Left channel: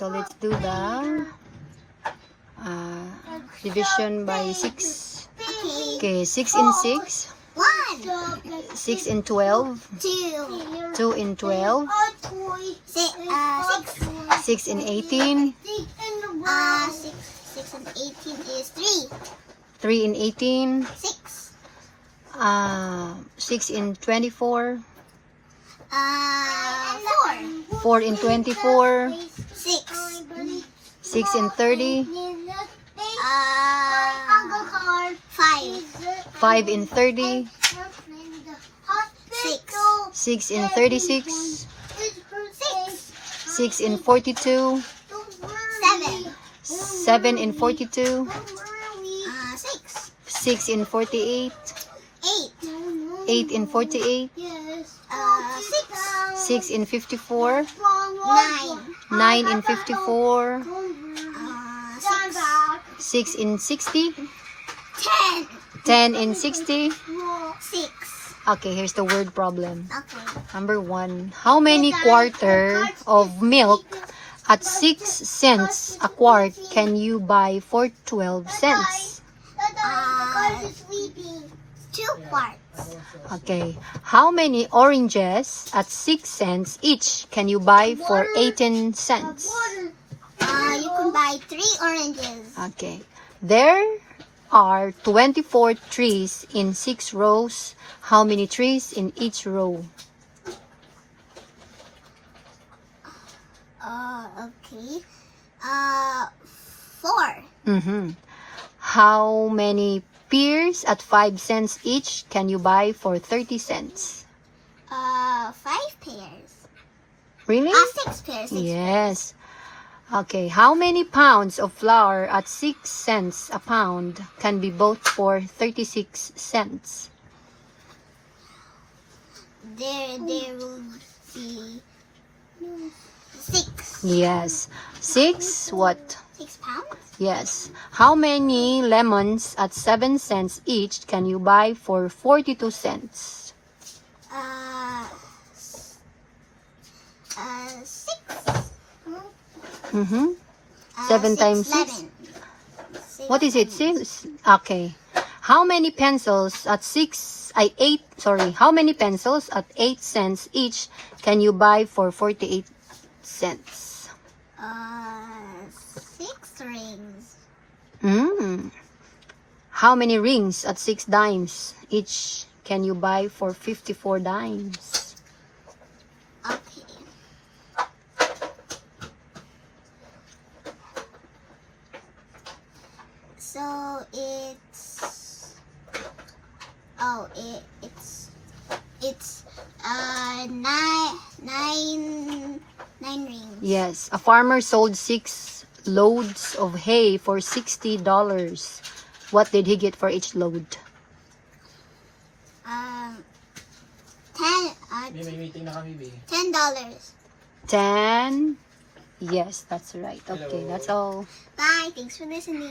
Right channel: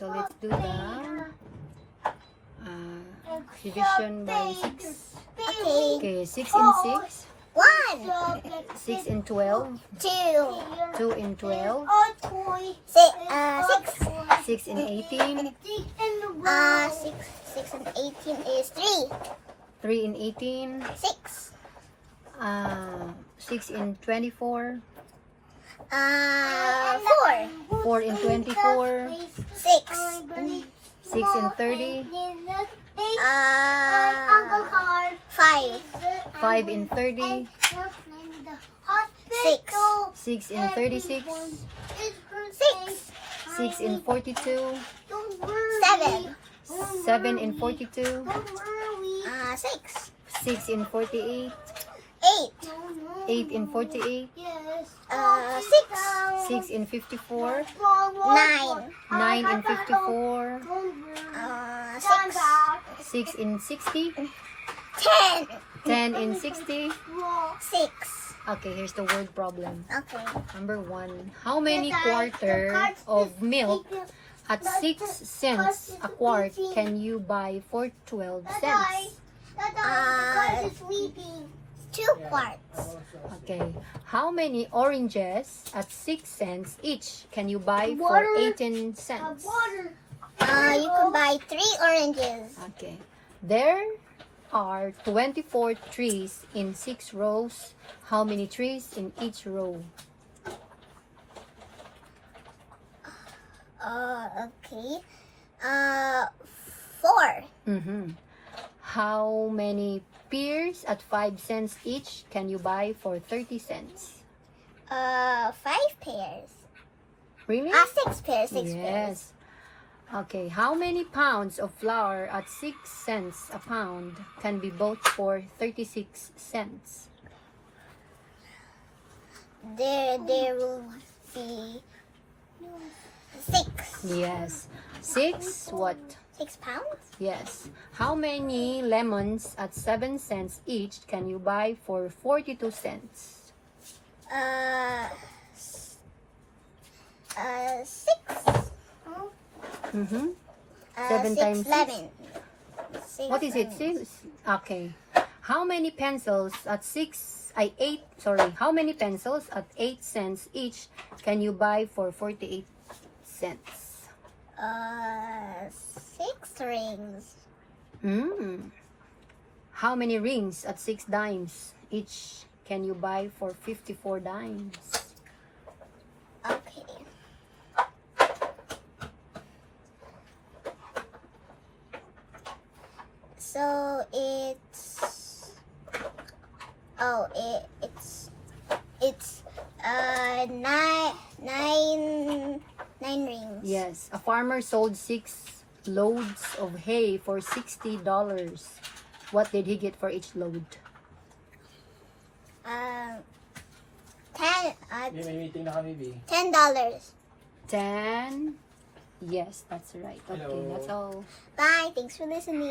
So let's do the division by 6. Okay. Okay, 6 in 6. 1, 6 in 12. 2, 2 in 12. 6. 6 in 18. 6 and 18 is 3. 3 in 18. 6. 6 in 24. 4. 4 in 24. 6. 6 in 30. 5. 5 in 30. 6. 6 in 36. 6. 6 in 42. 7. 7 in 42. 6. 6 in 48. 8. 8 in 48. 6. 6 in 54. 9. 9 in 54. 6. 6 in 60. 10. 10 in 60. 6. Okay, here's the word problem. Okay. Number 1. How many quarter of milk at 6 cents a quart can you buy for 12 cents? 2 quarts. Okay. How many oranges at 6 cents each can you buy for 18 cents? You can buy 3 oranges. Okay. There are 24 trees in 6 rows. How many trees in each row? Okay. 4. How many pears at 5 cents each can you buy for 30 cents? 5 pairs. Really? 6 pairs. 6 pairs. Yes. Okay. How many pounds of flour at 6 cents a pound can be bought for 36 cents? There will be 6. Yes. 6 what? 6 pounds? Yes. How many lemons at 7 cents each can you buy for 42 cents? 6. 7 times 6? 11. What is it? 6? Okay. How many pencils at 8, how many pencils at 8 cents each can you buy for 48 cents? 6 rings. How many rings at 6 dimes each can you buy for 54 dimes? Okay. So it's 9 rings. Yes, a farmer sold 6 loads of hay for $60. What did he get for each load? 10 May meeting na kami, B. $10. 10. Yes, that's right. Okay, Hello. that's all. Bye. Thanks for listening.